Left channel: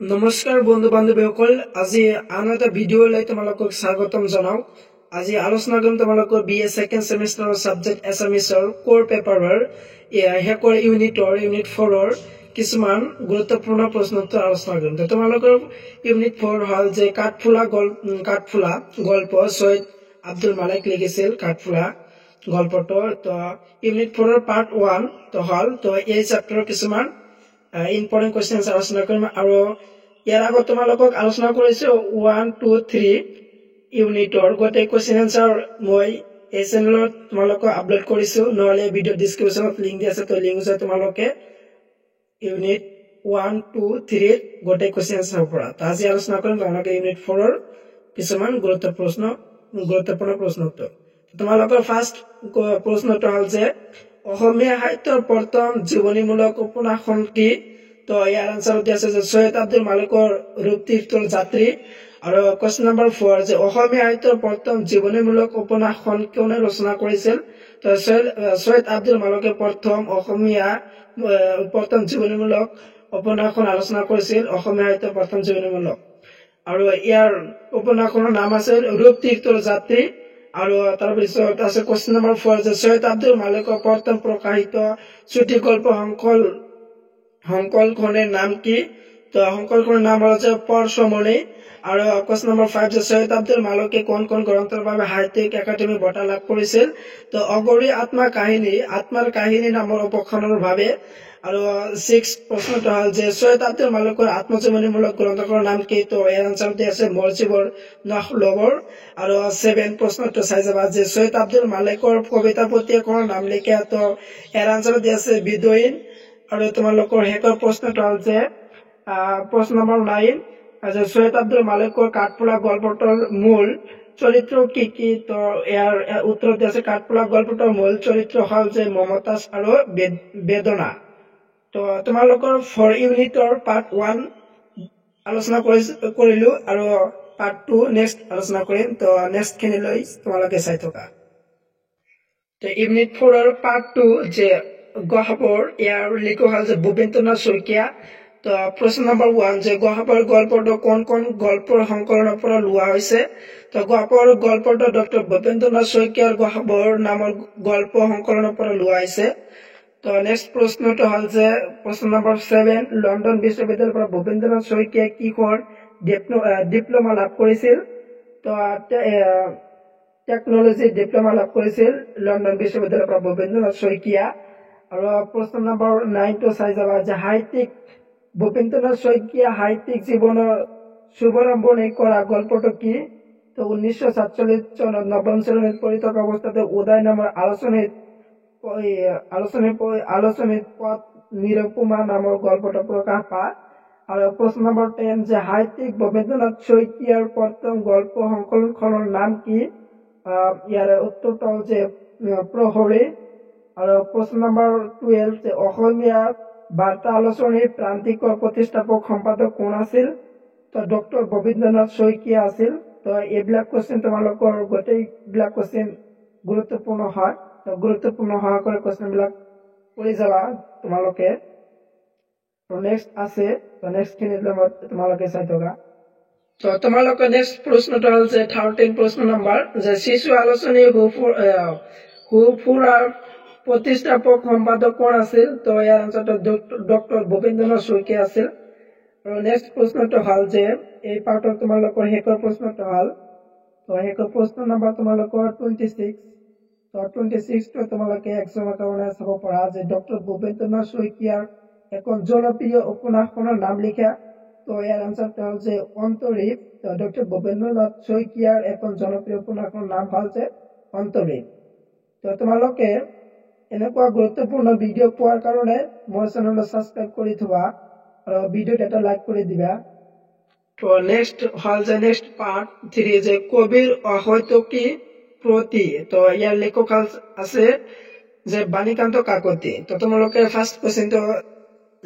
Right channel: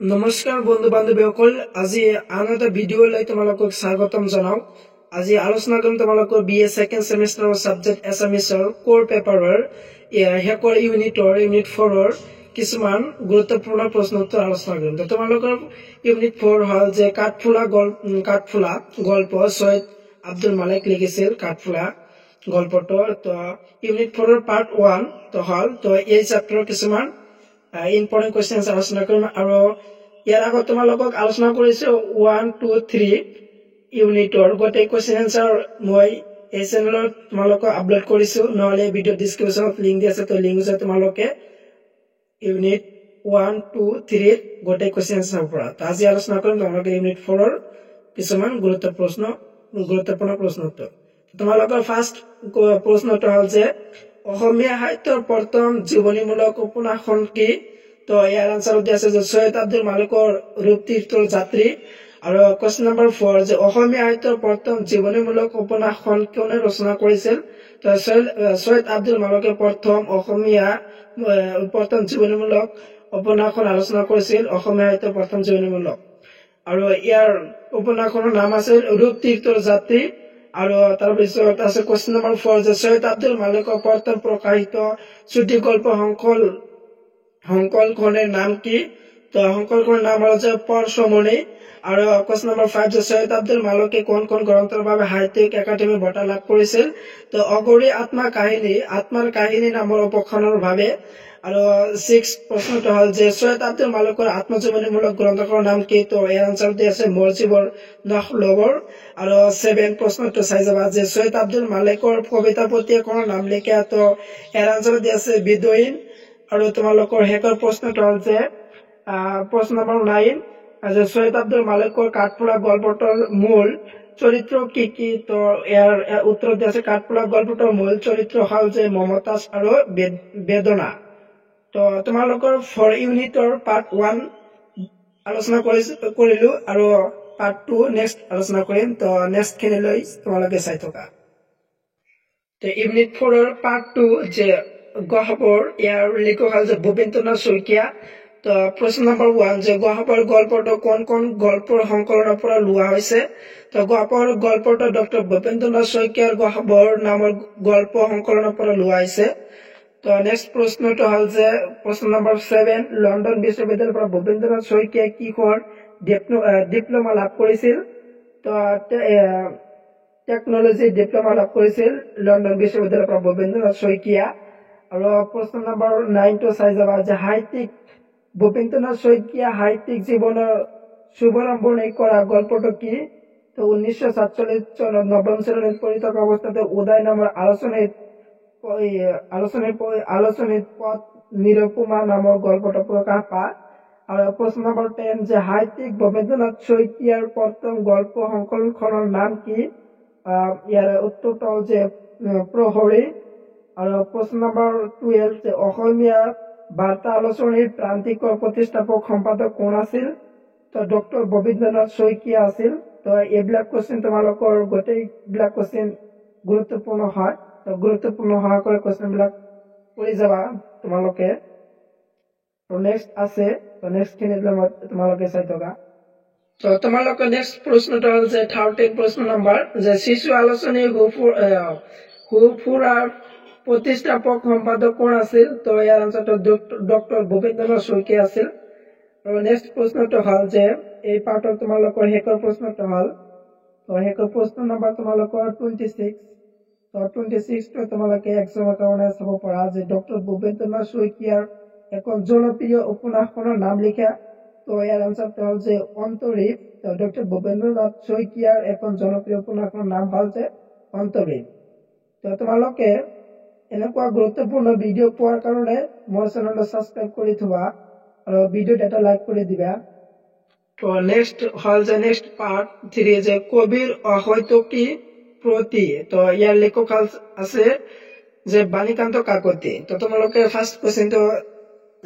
নমস্কাৰ বন্ধু বান্ধৱীসকল, আজি আন এটা ভিডিঅ'লৈ তোমালোকক স্বাগতম জনাওঁ। আজি আলোচনা কৰিম তোমালোকৰ BA ছেকেণ্ড ছেমিষ্টাৰৰ ছাবজেক্ট এছামিছৰ কোৰ পেপাৰৰ শেষৰ ইউনিট 4ৰ কিছুমান গুৰুত্বপূৰ্ণ প্ৰশ্ন উত্তৰ আলোচনা কৰিম। তো তোমালোকৰ ইউনিট 4 হ'ল যে কাঠফুলা গল্প সৈয়দ আব্দুল মালিক লিখিছিল কাঠফুলা গল্পটো। তো ইউনিট 4ৰ পাৰ্ট 1 তো হ'ল তো এই চেপ্টাৰৰ কিছুমান ইম্পৰ্টেণ্ট কুৱেশ্যন আলোচনা কৰিম আৰু ইয়াৰ আগত তোমালোকক আলোচনা কৰিছো 1, 2, 3 ইউনিটৰ গোটেই কুৱেশ্যন এনসাৰ মই এই চেনেলত তোমালোকক আপলোড কৰিছো, নহলে ভিডিও ডেসক্ৰিপচনত লিংক দি আছে, তো লিংক আছে তোমালোকে ইউনিট 1, 2, 3 গোটেই কুৱেশ্যন এনসাৰ পৰা। তো আজি আলোচনা কৰিম তোমালোকে ইউনিট 4ৰ কিছুমান গুৰুত্বপূৰ্ণ প্ৰশ্ন উত্তৰ। তোমালোকৰ ফাৰ্ষ্ট প্ৰশ্নটো হ'ল যে অসমীয়া সাহিত্যৰ প্ৰথম জীৱনীমূলক উপন্যাসখন কি? তো ইয়াৰ আনসাৰ দিয়া আছে যে সৈয়দ আব্দুল মালিকৰ ৰূপতীৰ্থৰ যাত্ৰী। আৰু কোৱেশ্চন নম্বৰ 4 যে অসমীয়া সাহিত্যৰ প্ৰথম জীৱনীমূলক উপন্যাসখন কোনে ৰচনা কৰিছিল? তো সৈয়দ আব্দুল মালিকে প্ৰথম জীৱনীমূলক উপন্যাসখন আলোচনা কৰিছিল অসমীয়া সাহিত্যৰ প্ৰথম জীৱনীমূলক, আৰু ইয়াৰ উপন্যাসখনৰ নাম আছিল ৰূপতীৰ্থৰ যাত্ৰী। আৰু তাৰপিছত আছে কোৱেশ্চন নম্বৰ 4 যে সৈয়দ আব্দুল মালিকৰ প্ৰথম প্ৰকাশিত চুটি গল্প সংকলখনৰ নাম কি? তো সংকলখনৰ নাম হ'ল যে পৰশমণি। আৰু কোৱেশ্চন নম্বৰ 5 যে সৈয়দ আব্দুল মালিকে কোন গ্ৰন্থৰ বাবে সাহিত্যিক একাডেমি বঁটা লাভ কৰিছিল? তো অগৰী আত্মাৰ কাহিনী নামৰ উপন্যাসখনৰ বাবে। আৰু 6 প্ৰশ্নটো হ'ল যে সৈয়দ আব্দুল মালিকৰ আত্মজীৱনীমূলক গ্ৰন্থখনৰ নাম কি? তো ইয়াৰ আনসাৰ দিয়া আছে মোৰ জীৱৰ নখলবৰ। আৰু 7 প্ৰশ্নটো চাই যাবা যে সৈয়দ আব্দুল মালিকৰ কবিতা পুথি এখনৰ নাম লিখা। তো ইয়াৰ আনসাৰ দিয়া আছে বিদুইন। আৰু তোমালোকৰ শেষৰ প্ৰশ্নটো হ'ল যে প্ৰশ্ন নম্বৰ 9 যে সৈয়দ আব্দুল মালিকৰ কাঠফুলা গল্পটোৰ মূল চৰিত্ৰ কি? তো ইয়াৰ উত্তৰ দিয়া আছে কাঠফুলা গল্পটোৰ মূল চৰিত্ৰ হ'ল যে মমতাজ আৰু বেদনা। তো তোমালোকৰ 4 ইউনিটৰ পাৰ্ট 1 আলোচনা কৰিলো আৰু পাৰ্ট 2 নেক্সট আলোচনা কৰিম। তো নেক্সট খিনিলৈ তোমালোকে চাই থকা। তো ইউনিট 4ৰ পাৰ্ট 2 যে গহ্বৰ, ইয়াৰ লিখক হ'ল যে ভূপেন্দ্ৰনাথ শইকীয়া। তো প্ৰশ্ন নম্বৰ 1 যে গহ্বৰ গল্পটো কোন গল্পৰ সংকলনৰ পৰা লোৱা হৈছে? তো গহ্বৰ গল্পটো ডক্টৰ ভূপেন্দ্ৰনাথ শইকীয়াৰ গহ্বৰ নামৰ গল্প সংকলনৰ পৰা লোৱা হৈছে। তো নেক্সট প্ৰশ্নটো হ'ল যে প্ৰশ্ন নম্বৰ 7 লণ্ডন বিশ্ববিদ্যালয়ৰ পৰা ভূপেন্দ্ৰনাথ শইকীয়াই কিহৰ ডিপ্ল'মা লাভ কৰিছিল? তো টেকনলজি ডিপ্ল'মা লাভ কৰিছিল লণ্ডন বিশ্ববিদ্যালয়ৰ পৰা ভূপেন্দ্ৰনাথ শইকীয়া। আৰু প্ৰশ্ন নম্বৰ 9টো চাই যাবা যে ভূপেন্দ্ৰনাথ শইকীয়া সাহিত্যিক জীৱনৰ শুভাৰম্ভণি কৰা গল্পটো কি? তো 1947 চনত নৱম শ্ৰেণীত পঢ়ি থকা অৱস্থাতে উদয় নামৰ আলোচনীত পথ নিৰুপমা নামৰ গল্পটো প্ৰকাশ পায়। আৰু প্ৰশ্ন নম্বৰ 10 যে সাহিত্যিক ভূপেন্দ্ৰনাথ শইকীয়াৰ প্ৰথম গল্প সংকলনখনৰ নাম কি? ইয়াৰ উত্তৰটো হ'ল যে প্ৰহৰী। আৰু প্ৰশ্ন নম্বৰ 12 যে অসমীয়া বাৰ্তা আলোচনীৰ প্ৰান্তিকৰ প্ৰতিষ্ঠাপক সম্পাদক কোন আছিল? তো ডক্টৰ ভূপেন্দ্ৰনাথ শইকীয়া আছিল। তো এইবিলাক কুৱেশ্যন তোমালোকৰ গোটেইবিলাক কুৱেশ্যন গুৰুত্বপূৰ্ণ হয়। তো গুৰুত্বপূৰ্ণ হোৱা কৰি কুৱেশ্যনবিলাক কৰি যাবা তোমালোকে। তো নেক্সট আছে, তো নেক্সট খিনিত তোমালোকে চাই থকা। তো তোমালোকৰ নেক্সট প্ৰশ্নটো হ'ল যে 13 প্ৰশ্ন নম্বৰ যে শিশু আলোচনী হুফুৰাৰ প্ৰতিষ্ঠাপক সম্পাদক কোন আছিল? তো ইয়াৰ আনসাৰটো ডক্টৰ ভূপেন্দ্ৰনাথ শইকীয়া আছিল। আৰু নেক্সট প্ৰশ্নটো হ'ল যে এই পাৰ্টৰ তোমালোকৰ শেষৰ প্ৰশ্নটো হ'ল, তো শেষৰ প্ৰশ্ন নম্বৰ তোমালোকৰ 26। তো 26টো তোমালোকে এক্সামৰ কাৰণে চাব পৰা যে ডক্টৰ ভূপেন্দ্ৰনাথ শইকীয়াৰ এখন জনপ্ৰিয় উপন্যাসখনৰ নাম লিখা। তো ইয়াৰ আনসাৰটো হ'ল যে অন্তৰীপ। তো ডক্টৰ ভূপেন্দ্ৰনাথ শইকীয়াৰ এখন জনপ্ৰিয় উপন্যাসখনৰ নাম হ'ল যে অন্তৰীপ। তো তোমালোকে এনেকুৱা গুৰুত্বপূৰ্ণ ভিডিঅ' পোৱাৰ কাৰণে মোৰ চেনেলটো ছাবস্ক্ৰাইব কৰি থবা আৰু ভিডিঅ'ত এটা লাইক কৰি দিবা। তো নেক্সট হ'ল যে নেক্সট পাৰ্ট 3 যে কবিৰ অহৈতুকী প্ৰতি। তো ইয়াৰ লেখক আছে যে বাণীকান্ত কাকতি। তো তোমালোকে ফাৰ্ষ্ট কুৱেশ্যনটো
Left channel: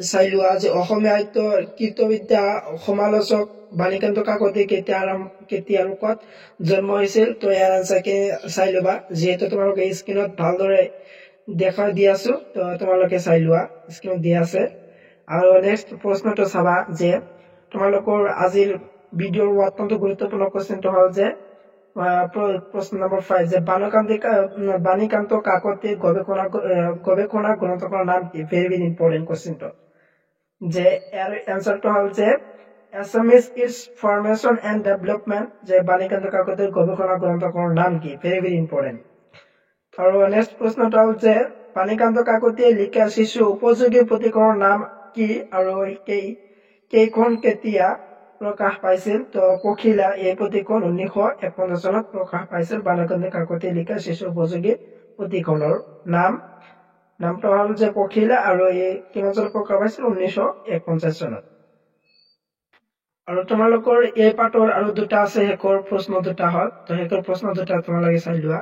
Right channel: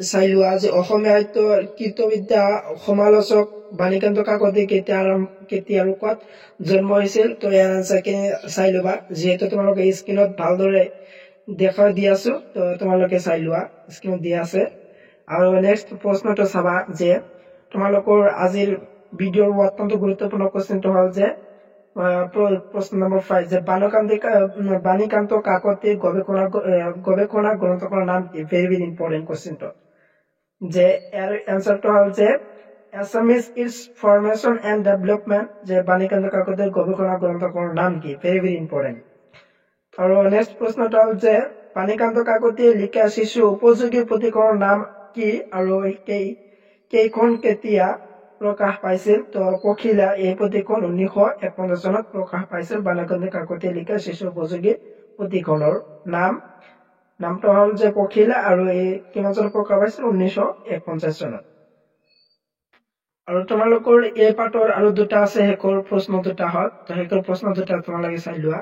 চাই লোৱা যে অসমীয়া সাহিত্যৰ কীৰ্তবিদ্যা সমালোচক বাণীকান্ত কাকতি কেতিয়া আৰু ক'ত জন্ম হৈছিল? তো ইয়াৰ আনসাৰখিনি চাই ল'বা, যিহেতু তোমালোকে স্ক্ৰীণত ভালদৰে দেখা দি আছো। তো তোমালোকে চাই লোৱা, স্ক্ৰীণত দিয়া আছে। আৰু নেক্সট প্ৰশ্নটো চাবা যে তোমালোকৰ আজিৰ ভিডিঅ'ৰ অত্যন্ত গুৰুত্বপূৰ্ণ কোৱেশ্চনটো হ'ল যে প্ৰশ্ন নম্বৰ 5 যে বাণীকান্ত কাকতিৰ গৱেষণা গ্ৰন্থখনৰ নাম কি ভেৰি ভেৰি ইম্পৰ্টেণ্ট কোৱেশ্চনটো যে ইয়াৰ এনসাৰটো হ'ল যে Assamese its formation and development যে বাণীকান্ত কাকতিৰ গৱেষণা গ্ৰন্থখনৰ নাম কি ভেৰি ভেৰি ইম্পৰ্টেণ্ট আৰু নেক্সট প্ৰশ্নটো হ'ল যে বাণীকান্ত কাকতিয়ে লিখা শিশু উপযোগী পুথিখনৰ নাম কি আৰু কেইখন কেতিয়া প্ৰকাশ পাইছিল তো পখিলা এই পুথিখন 1951 চনত প্ৰকাশ পাইছিল বাণীকান্ত কাকতিয়ে লিখা শিশু উপযোগী পুথিখনৰ নামটো হ'ল যে পখিলা আৰু এই কিমান চনত প্ৰকাশ পাইছিল 1951 চনত আৰু তোমালোকৰ এই পাঠৰ আৰু দুটা আছে হেকৰ প্ৰশ্ন দুটা হ'ল তো হেকৰ প্ৰশ্ন দুটা তোমালোকে চাই লোৱা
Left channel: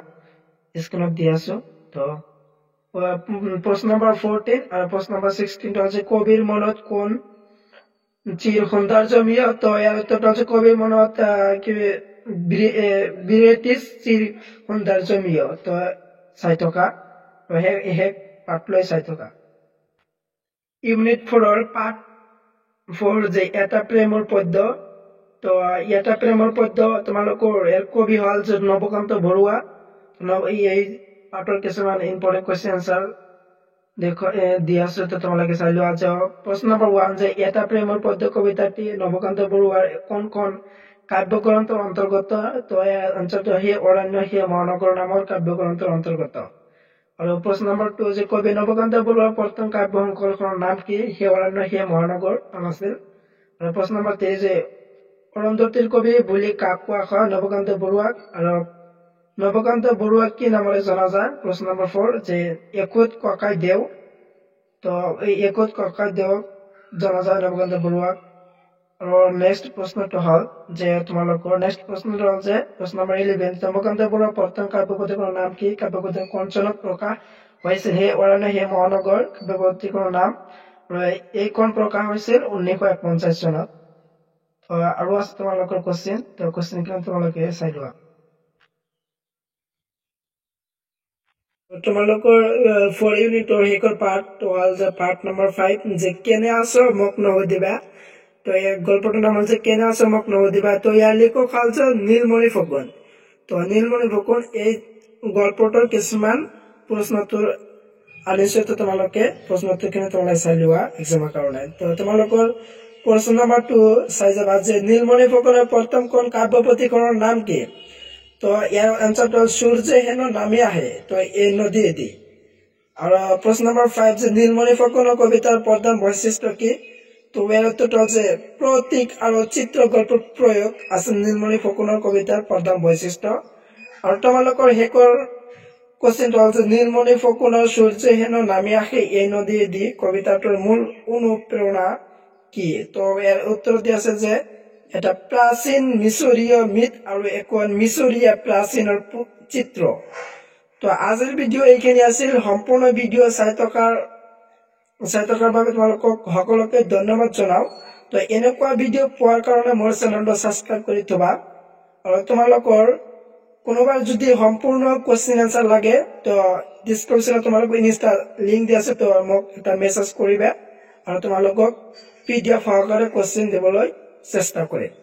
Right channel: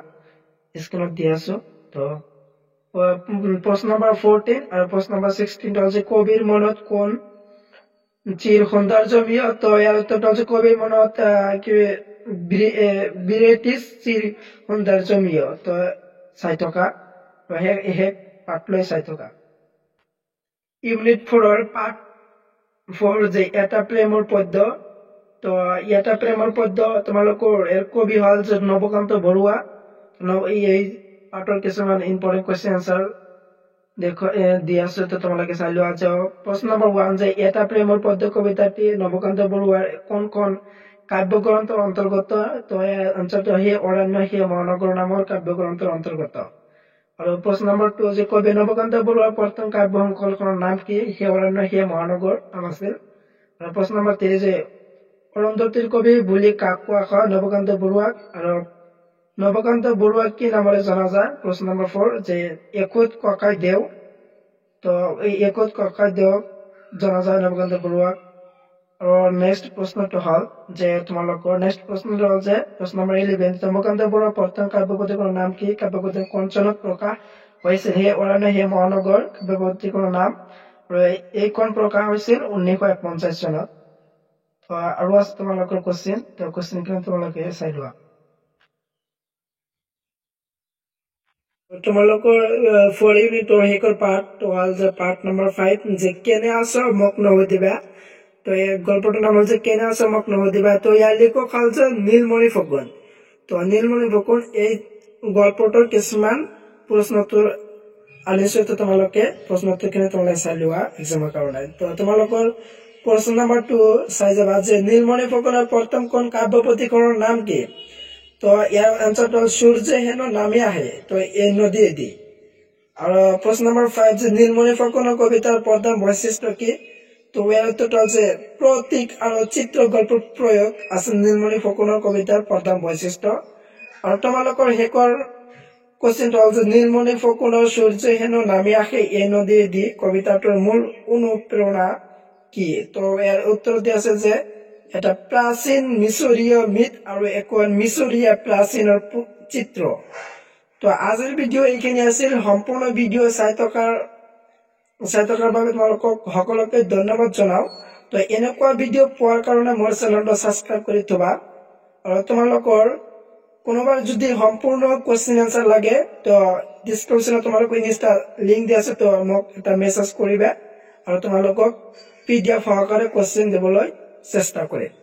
স্ক্ৰীনত দি আছো তো প্ৰশ্ন নম্বৰ 14 আৰু প্ৰশ্ন নম্বৰ 16 হ'ল যে কবিৰ মনত কোন চিৰ সৌন্দৰ্যমীয় তো ইয়াৰ উত্তৰটো হ'ল কবিৰ মনত কি ব্ৰিটিছ চিৰ সৌন্দৰ্যমীয় তো চাই থকা তো হে পাঠ লৈ চাই থকা ইউনিট 4 পাঠ 4 যে এটা প্ৰেমৰ পদ্য তো এটা প্ৰেমৰ পদ্য তোমালোকৰ এৰ কবি হ'ল যে নৱকান্ত বৰুৱা এই পাঠৰ কিছুমান ইম্পৰ্টেণ্ট কোৱেশ্চন আনসাৰ দি আছো তো তোমালোকে চাই লোৱা যে প্ৰশ্ন নম্বৰ 1 যে এটা প্ৰেমৰ পদ্য কবিতাটি নৱকান্ত বৰুৱাৰ কোন কাব্যগ্ৰন্থৰ অন্তৰ্গত তো আনসাৰটো হে অৰণ্য হে মহানগৰ নামৰ কাব্যগ্ৰন্থৰ অন্তৰ্গত আৰু প্ৰশ্ন নম্বৰ 2 যে কবি নৱকান্ত বৰুৱাৰ প্ৰথম কাব্য সংকলনৰ নাম কি হে অৰণ্য হে মহানগৰ নাম আছিল আৰু প্ৰশ্ন নম্বৰ 3 যে অৰুন্ধতীৰ কবি বুলি কাক কোৱা হয় নৱকান্ত বৰুৱাক আৰু নৱকান্ত বৰুৱাক কি নামেৰে জনা যায় প্ৰশ্ন নম্বৰ 4 যে একোত ককাই দেও তো এই একোত ককাই দেও জনা যায় নৱকান্ত বৰুৱাক আৰু নেক্সট প্ৰশ্নটো হ'ল যে তোমালোকৰ নেক্সট প্ৰশ্নটো হ'ল যে প্ৰশ্ন নম্বৰ 11 নৱকান্ত বৰুৱাৰ প্ৰথম কাব্যপুথিখনৰ নাম কি কাব্যপুথি কোন চনত প্ৰকাশ হৈছিল হে অৰণ্য হে মহানগৰ কাব্যপুথিখনৰ নাম আৰু এইখন প্ৰকাশ হৈছিল 1951 চনত আৰু আছে তোমালোকৰ কোৱেশ্চন তো কোৱেশ্চনখিনি তোমালোকে চাই লোৱা তোমালোকৰ 4 ইউনিটৰ হেকৰ পাৰ্ট তো হ'ল যে পাৰ্ট নম্বৰ 5 যে কেনে আছো মোক নহুদিবা তো এই গল্পটোৰ নাম হ'ল যে কেনে আছো মোক নহুদিবা তো ইয়াৰ লিখক হ'ল যে নীলমণি ফুকন তো নীলমণি ফুকন এই গল্পটোৰ কিছুমান প্ৰশ্নোত্তৰ আনিছো তো তোমালোকে প্ৰশ্নোত্তৰখিনি তোমালোকে চাই লোৱা এক্সামৰ কাৰণে তো তোমালোকৰ প্ৰশ্ন নম্বৰ 2 চাই যাবা যে নীলমণি ফুকনৰ প্ৰথম কোন কাব্যপুথিখনৰ নাম কি তো ইয়াৰ আনসাৰটো হ'ল সূৰ্য হেনো নামি আহে তো এই নদীয়েদি আৰু প্ৰশ্ন নম্বৰ 5 যে নীলমণি ফুকনৰ কবিতাৰ প্ৰধান বৈশিষ্ট্য কি তো ইয়াৰ উত্তৰটো হ'ল যে প্ৰতীক আৰু চিত্ৰ গল্পৰ প্ৰয়োগ আছে নীলমণি ফুকনৰ কবিতাৰ প্ৰধান বৈশিষ্ট্য আৰু তোমালোকৰ হেকৰ কোৱেশ্চনটো হ'ল যে নীলমণি ফুকনৰ সূৰ্য হেনো নামি আহে এই নদীয়েদি কবিতাটোৰ মূল অনুপ্ৰেৰণা কি তো ইয়াৰ উত্তৰ দি আছে যে এটা প্ৰাচীন মিশৰীয় মিথ আৰু এখন মিশৰীয় প্ৰাচীনৰ চিত্ৰ তো আজিৰ ভিডিঅ' এইখিনি আছিল সম্পূৰ্ণ ভিডিঅ' চাই থকাৰ বাবে তোমালোকক সকলোকে ধন্যবাদ জনাও তো এনেকুৱা ভিডিঅ' পোৱাৰ কাৰণে মোৰ চেনেলটো সাবস্ক্ৰাইব কৰি থবা আৰু তোমালোকৰ কোনোবাৰ যদি সম্পূৰ্ণ কোৱেশ্চন আনসাৰ লাগে তো ডেসক্ৰিপশনত তোমালোক ইনষ্টা লিংক দি আছে তো মোক এটা মেছেজ কৰিবা আৰু তোমালোকক পিডিএফ সহকাৰে কোৱেশ্চন দিবলৈ চেষ্টা কৰিম